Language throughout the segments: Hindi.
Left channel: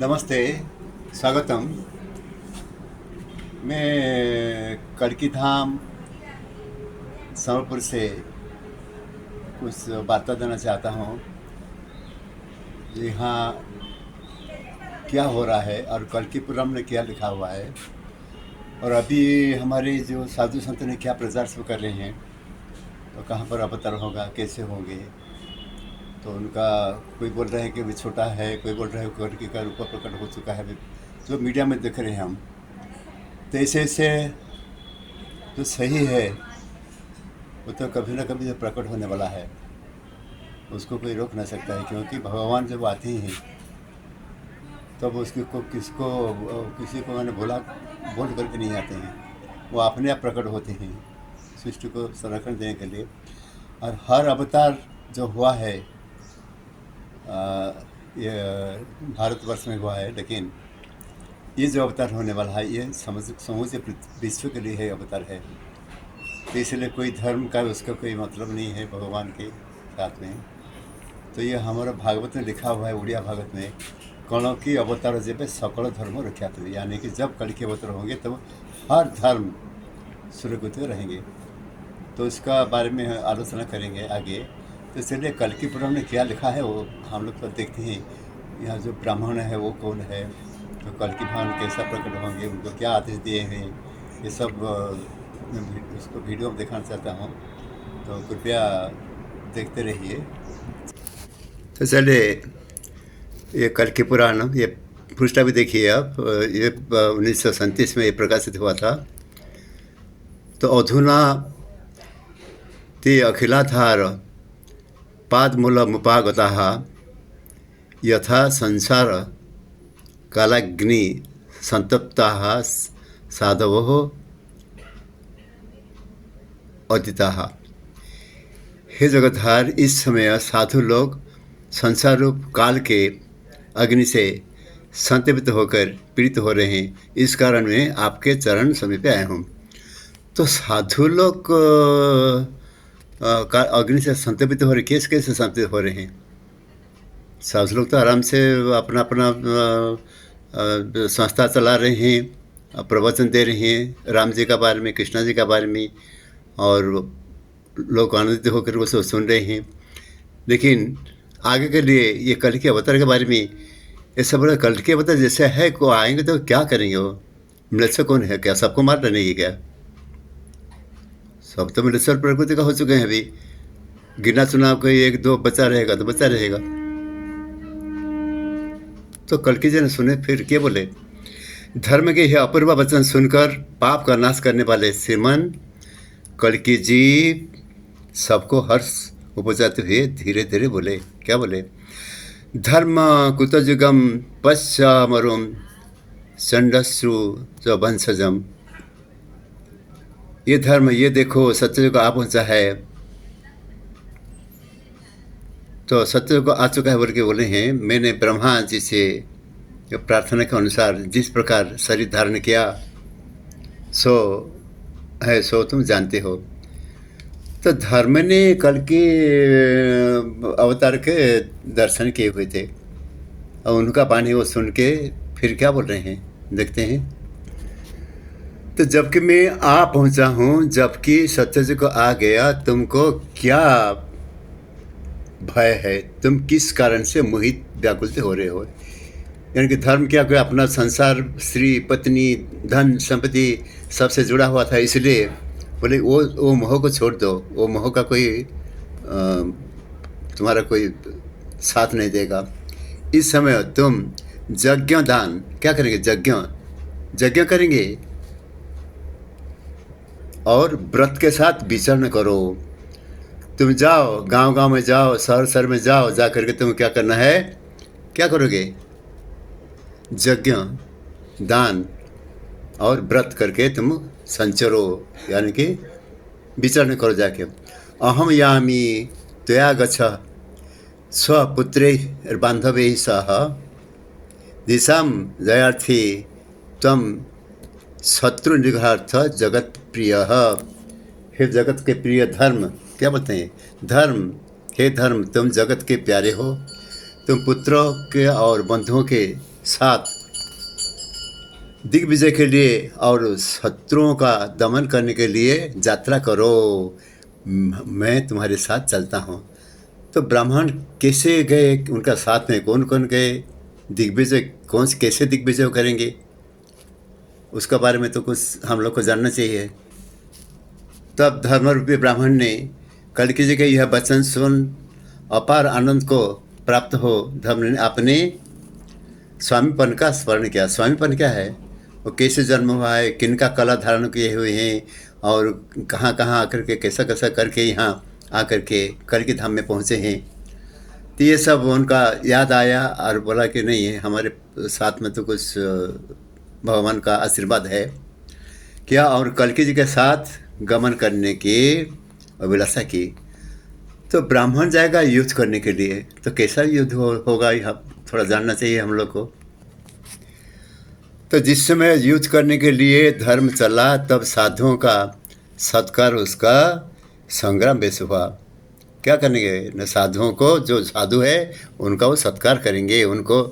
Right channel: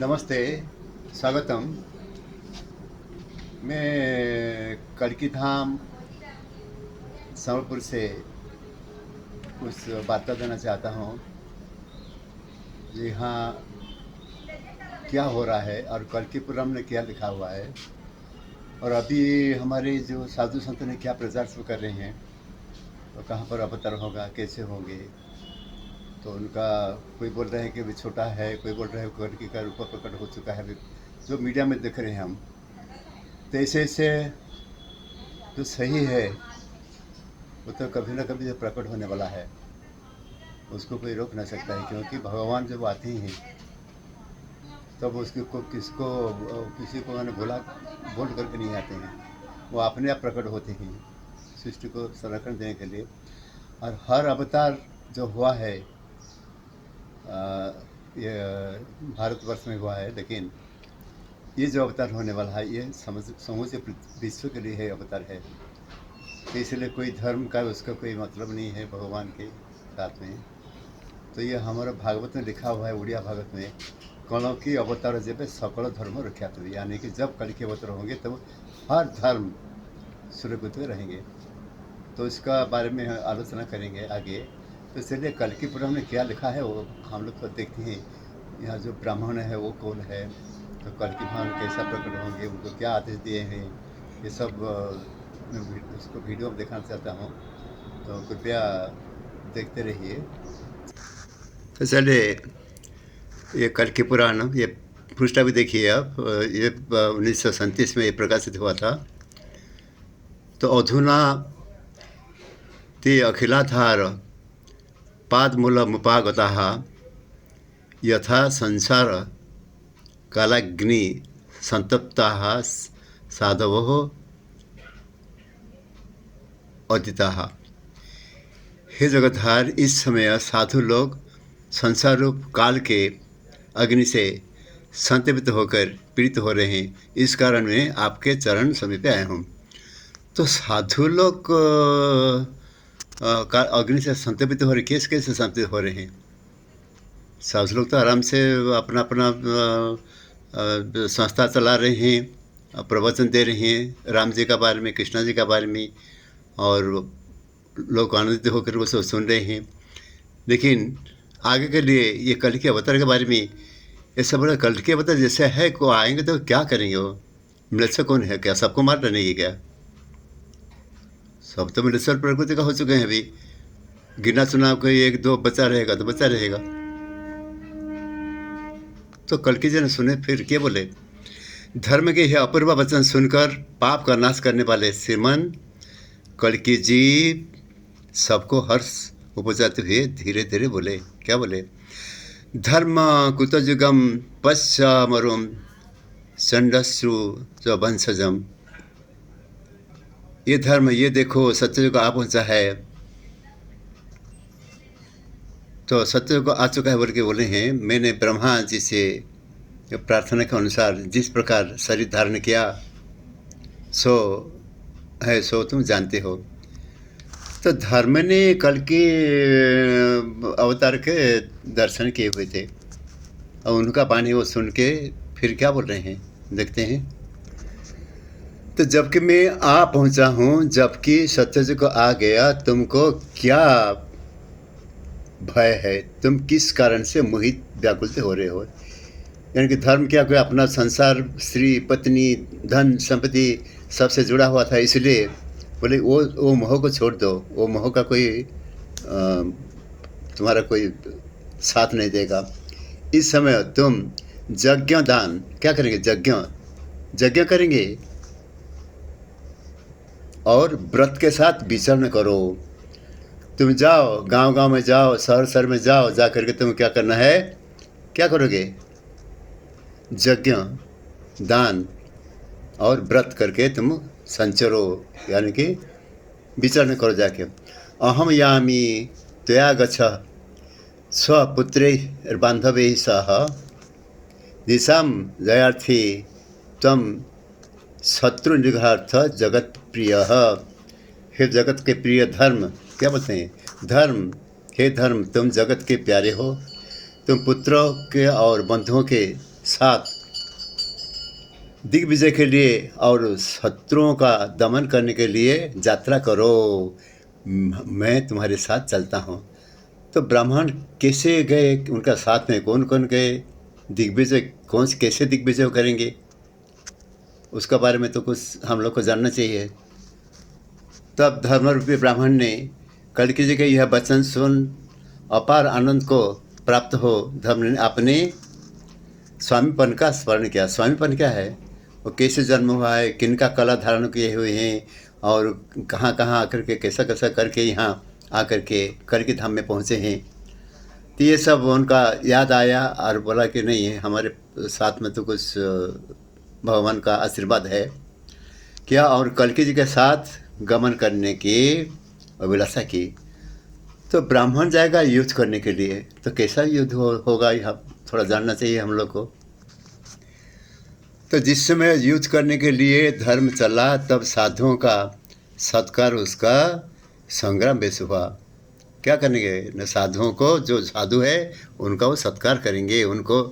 नमस्ते, स्वागतम। मैं कड़की धाम संबलपुर से कुछ बातें देना चाहता हूँ। यहाँ क्या हो रहा है और कल्कीपुरम में क्या लिखा हुआ है, और अभी हमारे जो साधु संत ने क्या प्रचार शुरू कर रहे हैं और कहाँ पर अवतार होगा, कैसे होंगे। तो उनका कोई बोल रहे हैं कि वे छोटा है, कोई बोल रहे हैं कल्की का रूप प्रकट हो चुका है, जो मीडिया में देख रहे हैं हम। तो ऐसे ऐसे जो सही है वो तो कभी ना कभी जो प्रकट होने वाला है उसको कोई रोक ना सकता है, क्योंकि भगवान जब आते हैं तब उसको किसी को मैंने बोल करके नहीं आते हैं, वो अपने आप प्रकट होते हैं सृष्टि को संरक्षण देने के लिए। और हर अवतार जो हुआ है ये भारतवर्ष में हुआ है, लेकिन ये जो अवतार होने वाला है ये समूचे विश्व के लिए है अवतार है। इसलिए कोई धर्म का उसका कोई मतलब नहीं है भगवान के साथ में। तो ये हमारा भागवत में लिखा हुआ है, उड़िया भागवत में, कणों की अवतार जब सकल धर्म रख्यात हुए, यानी कि जब कल के अवतार होंगे तब हर धर्म सुरक्षित रहेंगे। तो इसका बारे में आलोचना करेंगे आगे। तो चलिए कल्कीपुरम में क्या लिखा है वो हम लोग तो देखते हैं। यहाँ जो ब्राह्मण है वो कौन है, तो कल्की भगवान कैसा प्रकट होंगे, उनको क्या आदेश दिए हैं, ये सब उसको वीडियो में दिखाना चाहता हूँ, तो कृपया देखते रहिए। तो चलिए ये कल्की पुराण, ये पृष्ठा भी देखिए आप। ये 1937 में ये प्रकाशित हुआ था। तो अधुना ते अखिलाधार पादमूलमुपागताः यथा संसार कालाग्नि संतप्ताः साधवो अदिताः। हे जगतधार, इस समय साधु लोग संसार रूप काल के अग्नि से संतप्त होकर पीड़ित हो रहे हैं। इस कारण मैं आपके चरण समीप आया हूँ। तो साधु लोग अग्नि से संतप्त हो रहे, कैसे संतप्त हो रहे हैं? साधु लोग तो आराम से अपना अपना संस्था चला रहे हैं, प्रवचन दे रहे हैं राम जी का बारे में, कृष्णा जी का बारे में, और लोग आनंदित होकर वो सब सुन रहे हैं। लेकिन आगे के लिए ये कल के अवतार के बारे में, ये सब बड़ा कल के अवतार जैसे है को आएंगे तो क्या करेंगे? वो मृत्यु कौन है? क्या सबको मार डालेंगे क्या? सब तो मृत्यु प्रकृति का हो चुके हैं। अभी गिना चुनाव कोई एक दो बचा रहेगा तो बचा रहेगा। तो कल्की जी ने सुने, फिर क्या बोले? धर्म के यह अपूर्व वचन सुनकर पाप का नाश करने वाले श्रीमान कल्की जी सबको हर्ष उपजाते हुए धीरे धीरे बोले। क्या बोले? धर्म कुतजुगम पश्चामरुम चंडश्रु जो वंशजम। ये धर्म, ये देखो सत्ययुग आ पहुंचा है। तो सत्ययुग आ चुका है बोल के बोले हैं, मैंने ब्रह्मा जी से प्रार्थना के अनुसार जिस प्रकार शरीर धारण किया सो तुम जानते हो। तो धर्म ने कल के अवतार के दर्शन किए हुए थे, और उनका वाणी वो सुन के फिर क्या बोल रहे हैं, देखते हैं। तो जबकि मैं आ पहुंचा हूं, जबकि सत्ययुग आ गया, तुमको क्या भय है? तुम किस कारण से मोहित व्याकुल हो रहे हो? यानी कि धर्म क्या, कोई अपना संसार, स्त्री, पत्नी, धन संपत्ति सबसे जुड़ा हुआ था, इसलिए बोले वो मोह को छोड़ दो। वो मोह का कोई तुम्हारा कोई साथ नहीं देगा। इस समय तुम यज्ञ दान क्या करेंगे? यज्ञ करेंगे और व्रत के साथ विचरण करो। तुम जाओ, गांव गांव में जाओ, शहर शहर में जाओ, जा करके तुम क्या करना है? क्या करोगे? यज्ञ दान और व्रत करके तुम संचरो, यानी कि विचरण करो जाके। अहम यामी त्वया गच्छ स्वपुत्रै बांधवैः सह दिशां जयार्थी तम शत्रु निघार्थ जगत प्रिय। हे जगत के प्रिय धर्म, क्या बोलते हैं? धर्म, हे धर्म, तुम जगत के प्यारे हो। तुम पुत्रों के और बंधुओं के साथ दिग्विजय के लिए और शत्रुओं का दमन करने के लिए यात्रा करो, मैं तुम्हारे साथ चलता हूँ। तो ब्राह्मण कैसे गए, उनका साथ में कौन कौन गए, दिग्विजय कौन से कैसे दिग्विजय करेंगे, उसका बारे में तो कुछ हम लोग को जानना चाहिए। तब धर्मरूपी ब्राह्मण ने कल्कि जी के यह वचन सुन अपार आनंद को प्राप्त हो धर्म ने अपने स्वामीपन का स्मरण किया। स्वामीपन क्या है, वो कैसे जन्म हुआ है, किनका कला धारण किए हुए हैं और कहाँ कहाँ आकर के कैसा कैसा करके यहाँ आकर के कल्कि धाम में पहुँचे हैं। तो ये सब उनका याद आया और बोला कि नहीं है, हमारे साथ में तो कुछ भगवान का आशीर्वाद है क्या, और कल्कि जी के साथ गमन करने की अभिलाषा की। तो ब्राह्मण जाएगा युद्ध करने के लिए, तो कैसा युद्ध होगा यह थोड़ा जानना चाहिए हम लोग को। तो जिस समय युद्ध करने के लिए धर्म चला, तब साधुओं का सत्कार उसका संग्राम वेश हुआ। क्या करेंगे न, साधुओं को, जो साधु है उनका वो सत्कार करेंगे, उनको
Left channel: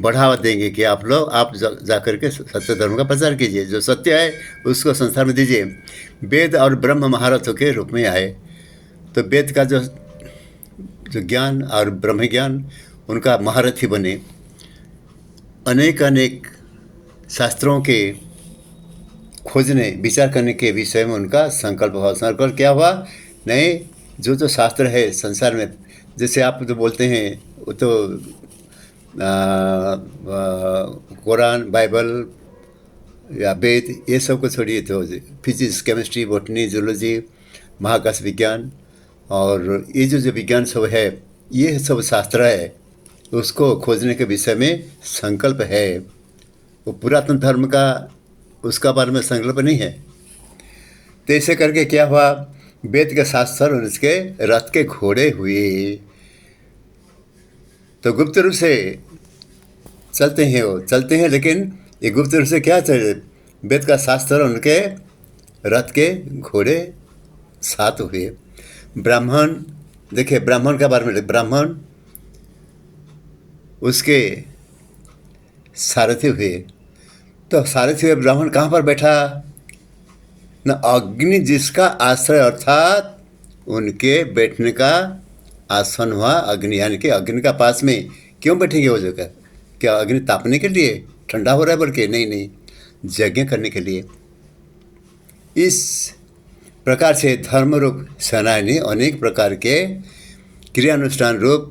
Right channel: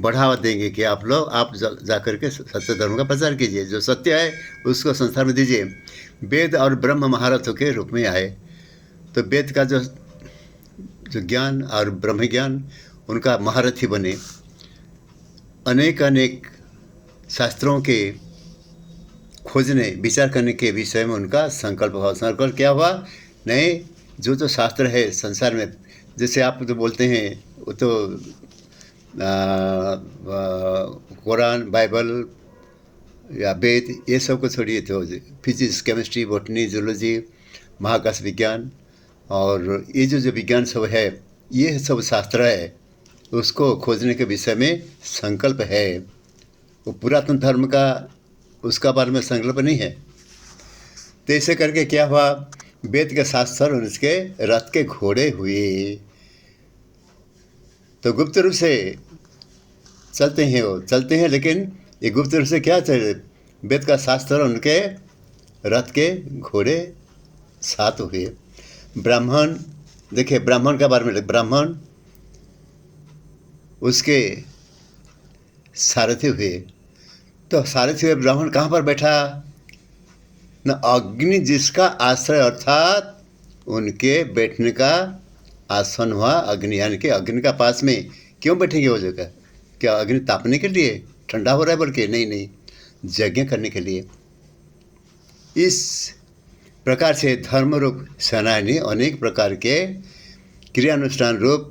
बढ़ावा देंगे कि आप लोग आप जा कर के सत्य धर्म का प्रचार कीजिए, जो सत्य है उसको संसार में दीजिए। वेद और ब्रह्म महारथों के रूप में आए, तो वेद का जो ज्ञान और ब्रह्म ज्ञान उनका महारथी बने। अनेक अनेक शास्त्रों के खोजने विचार करने के विषय में उनका संकल्प हुआ। संकल्प क्या हुआ, नहीं जो शास्त्र है संसार में, जैसे आप जो बोलते हैं वो तो कुरान, बाइबल या वेद, ये सब को छोड़िए, तो फिजिक्स, केमिस्ट्री, बॉटनी, जूलॉजी, महाकाश विज्ञान और ये जो विज्ञान सब है, ये सब शास्त्र है, उसको खोजने के विषय में संकल्प है। वो पुरातन धर्म का उसका बारे में संकल्प नहीं है। तो ऐसे करके क्या हुआ, वेद के शास्त्र और उसके रथ के घोड़े हुए। तो गुप्त रूप से चलते हैं, वो चलते हैं, लेकिन ये गुप्त रूप से क्या चले, वेद का शास्त्र और उनके रथ के घोड़े साथ हुए। ब्राह्मण, देखिए ब्राह्मण के बारे में, ब्राह्मण उसके सारथी हुए। तो सारथी हुए ब्राह्मण कहाँ पर बैठा न, अग्नि जिसका आश्रय, अर्थात उनके बैठने का आसन हुआ अग्नि, यानी कि अग्नि का पास में क्यों बैठेंगे वो जगह, क्या अग्नि तापने के लिए, ठंडा हो रहा है बल्कि, नहीं नहीं, यज्ञ करने के लिए। इस प्रकार से धर्म रूप सेनानी अनेक प्रकार के क्रियानुष्ठान रूप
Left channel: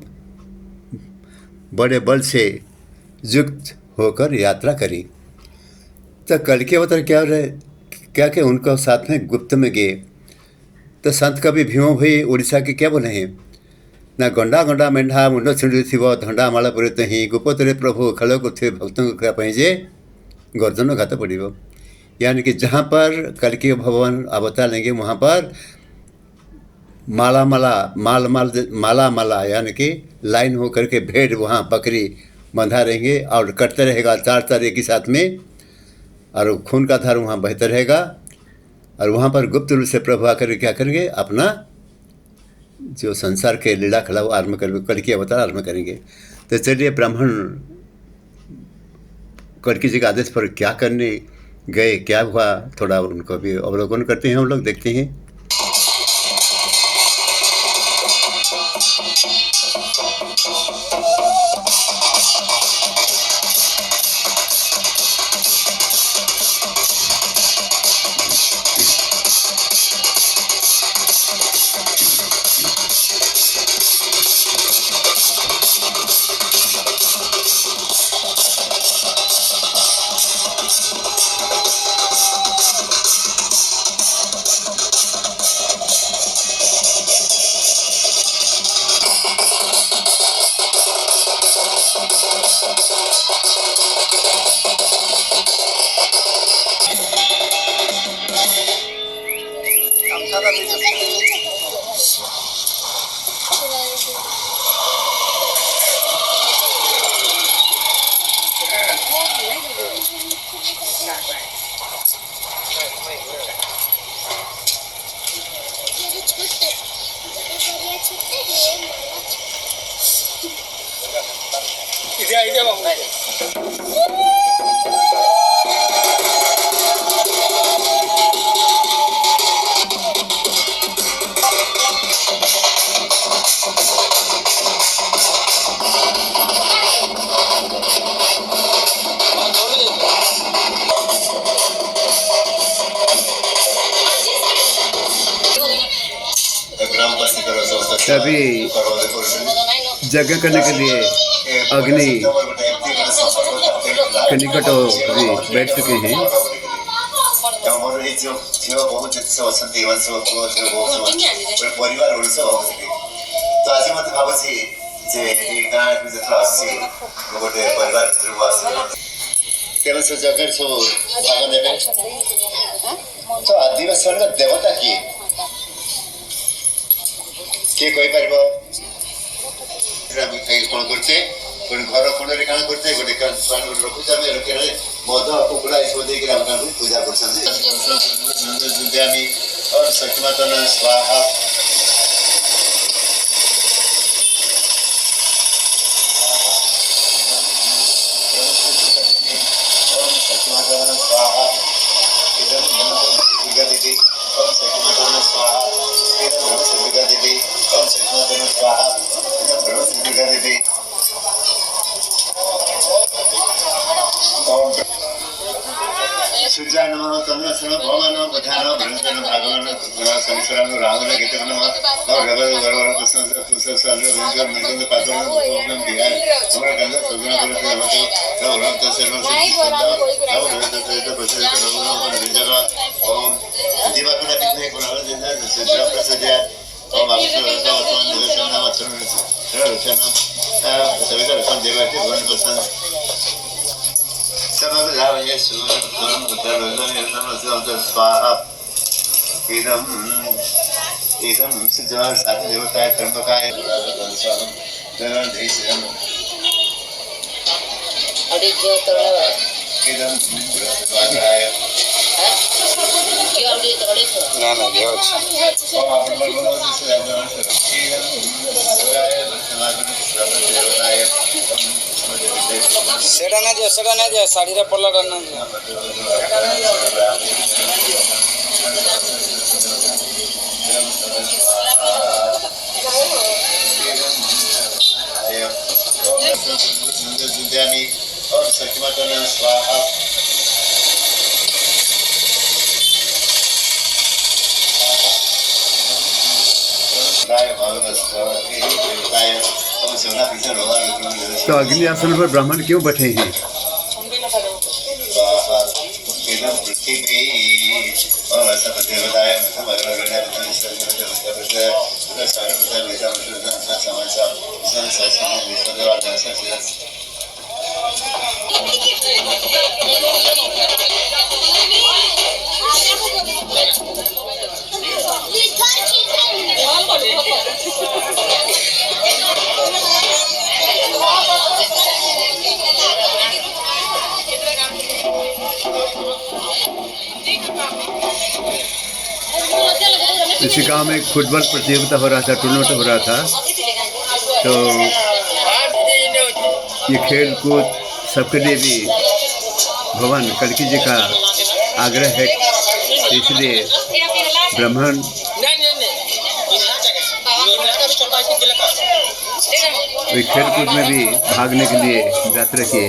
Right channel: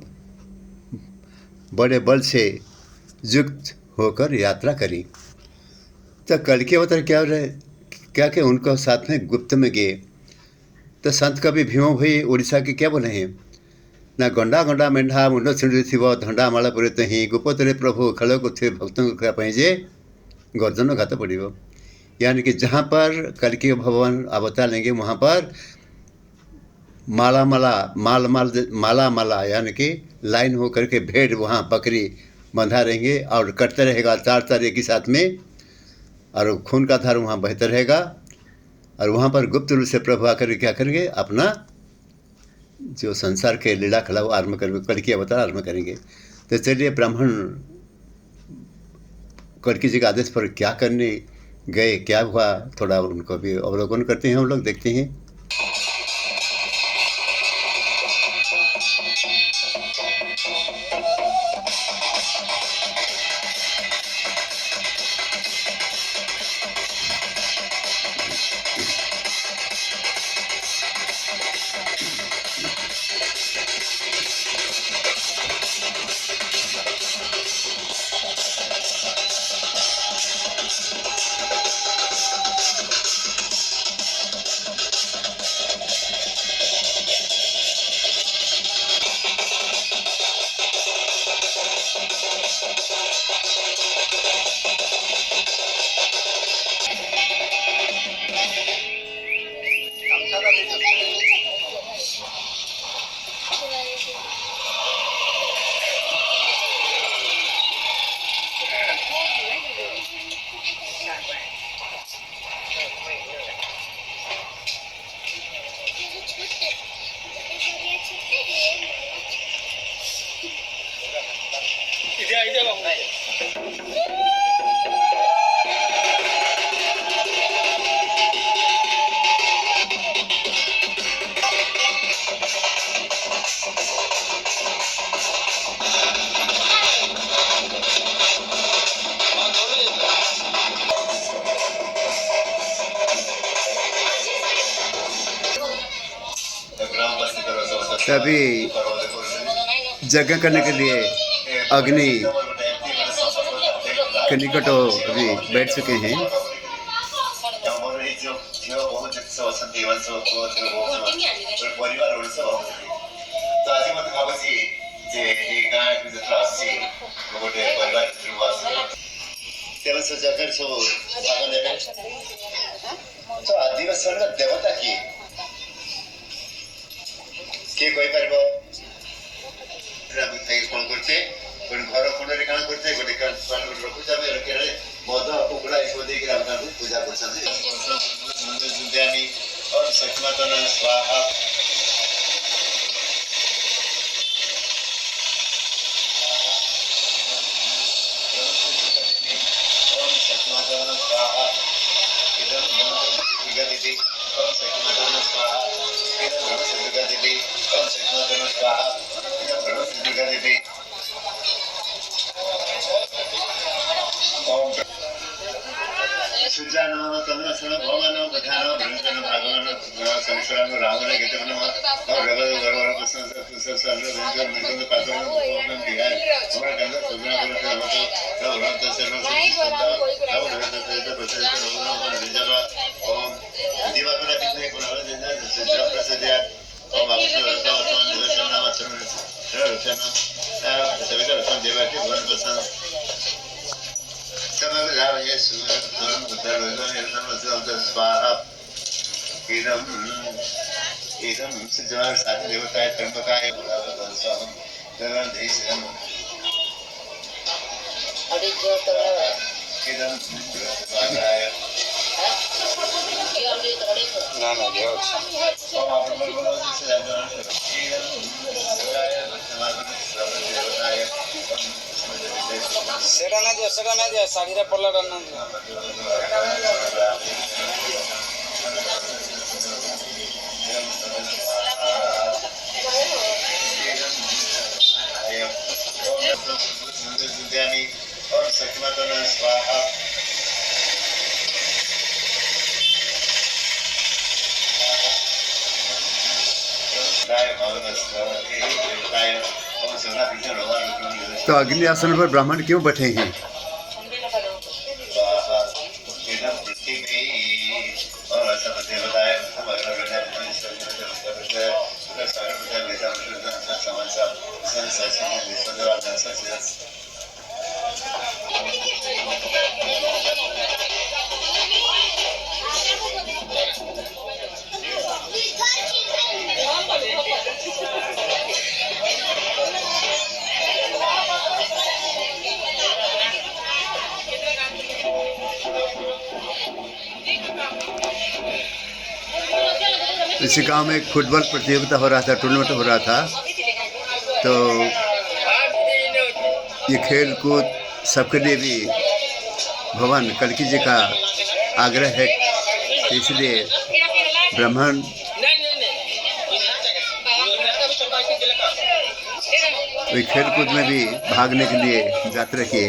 बड़े बल से युक्त होकर यात्रा करी। तो कल्कि अवतार क्या रहे, क्या कि उनको साथ में गुप्त में गए। तो संत कवि भीमो भाई उड़ीसा के क्या बोले हैं ना, गंडा गंडा मेढा मुंड छिड़ी थी धंडा माला पुरित ही गोपतरे प्रभु खड़क थे भक्तों को पहुँचे गर्जन घात पड़ो। यानी कि जहाँ पर कल्कि भगवान अवतार लेंगे वहाँ पर माला माला माल माल माला माला, यानी कि लाइन हो करके भेड़ वहाँ बकरी बंधा रहेंगे और कटते रहेगा चार चार एक ही साथ में, और खून का धार वहाँ बहता रहेगा। और वहाँ पर गुप्त रूप से प्रभु आकर क्या करेंगे, अपना जो संसार के लीला खला वो आरम्भ करेंगे, कल्कि अवतार आरम्भ करेंगे। तो चलिए ब्राह्मण कल्कि जी के आदेश पर क्या करने गए, क्या हुआ, थोड़ा उनको भी अवलोकन करते हैं, हम लोग देखते हैं। 이제 봐. तभी यज्ञ करने के लिए अग्नि के निकट भी बैठ चुके हैं। तो आज मत भाबुଛି जे ए गाँ को जत्रा आसी गोटे परिवार भितर आसी तेरे से जगह सब भाग नेबे तो आदिवासी मान देवता किए कोई पारिबो कौन करते घर कोण काण करते गोटे रखुचे आम रखे मद कुकुड़ा ये सब देकर आम पूजा कर सखीमातन स्वाहा सूर्या नमः चंद्रसन भगवान पठान भ्रंजन भागवान संसरण रावण गीत नमः और रवल गरवर कृष्ण कृष्ण सागर रंजन नंदन पात्र ओम बिहार हमरा गंगा सदना कर हमत रवरत सर्व सिद्ध राव रवत सहित प्रसिद्ध रवण रंजन ओम दिवाकन कितने गुणहर जन सिद्ध प्रसिद्ध ओम अक्षर रत्न निवेशन नाम अक्षर रचन सभी का रचन देवाटी भगवान प्रसन्न स्वाहा इदम सिद्धवान साथ देवताय कर्मकाय सेटा ना दियो साड़ी रे पल्ला करना और सखीमातन स्वाहा तो अग्नि आसन पर ब्राह्मण क्यों बैठे हैं? इसी गांव में फुटबॉल प्रतियोगिता हो रहा था, टूर्नामेंट हो रहा था। तो ये खेल कूद सबके लिए भी भगवान कल्की जी का आग्रह है, इसलिए ब्राह्मण खेल कूद में भी भागने के लिए व्रत रखे।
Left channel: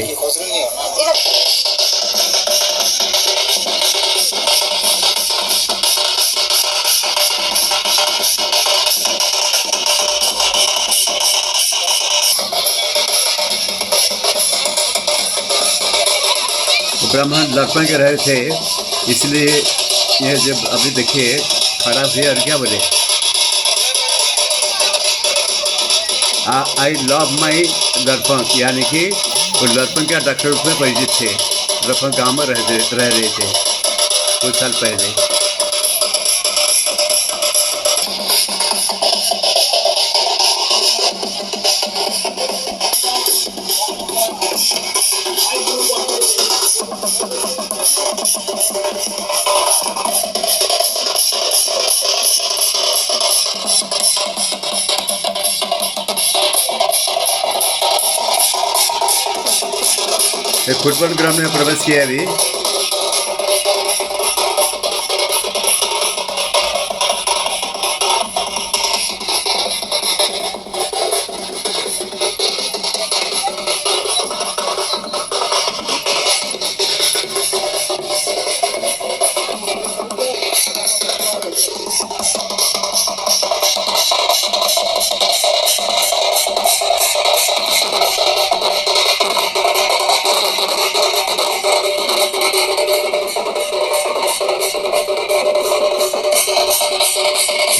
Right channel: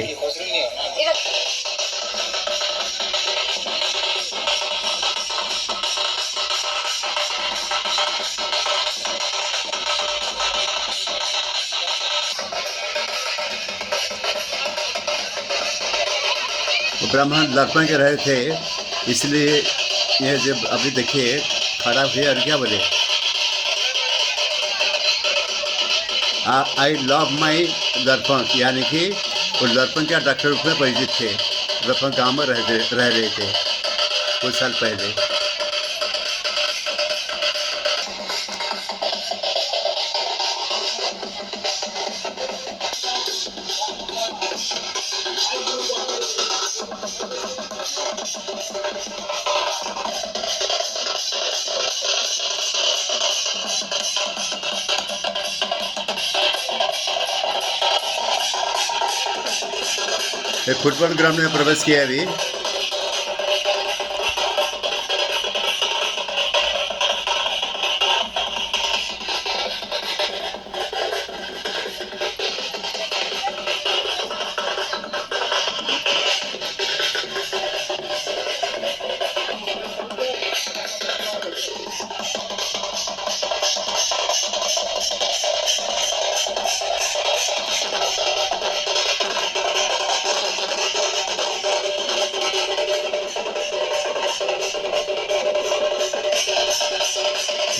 ब्राह्मण लड़पन के रहे थे, इसलिए यह जब अभी देखिए खड़ा हुए और क्या बोले, आई लव माई लड़पन, यानी कि वो लड़पन के डॉक्टर रूप में परिचित थे। लड़पन गाँव में रह रहे थे कुछ साल पहले। फुटबॉल ग्राउंड में प्रवेश किया अभी।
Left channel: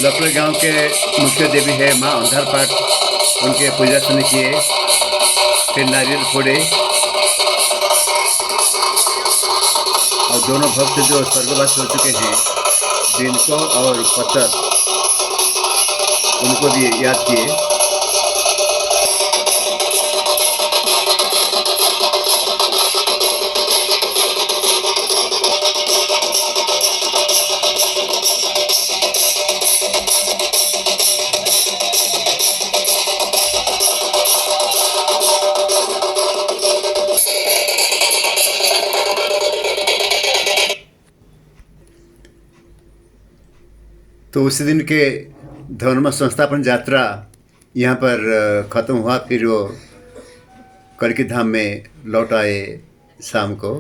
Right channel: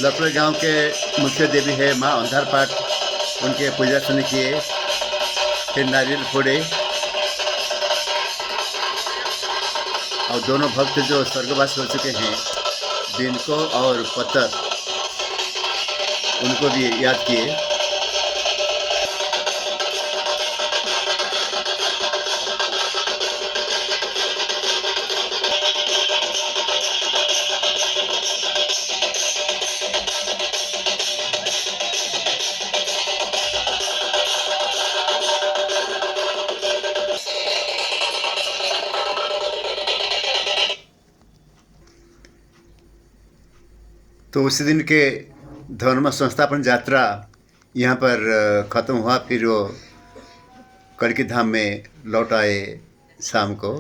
लपड़ गांव के मुख्य देवी है माँ अंधार पाठ, उनके पूजा अर्चना किए, फिर नारियल फोड़े और दोनों भक्त जो स्वर्गवास हो चुके हैं बिनको और पत्थर, उनको भी याद किए। तो उसी दिन के धर्म संस्थापन यात्रा यहाँ पर ख़त्म हुआ। फिर वो करकी धाम में लौट आए शाम को।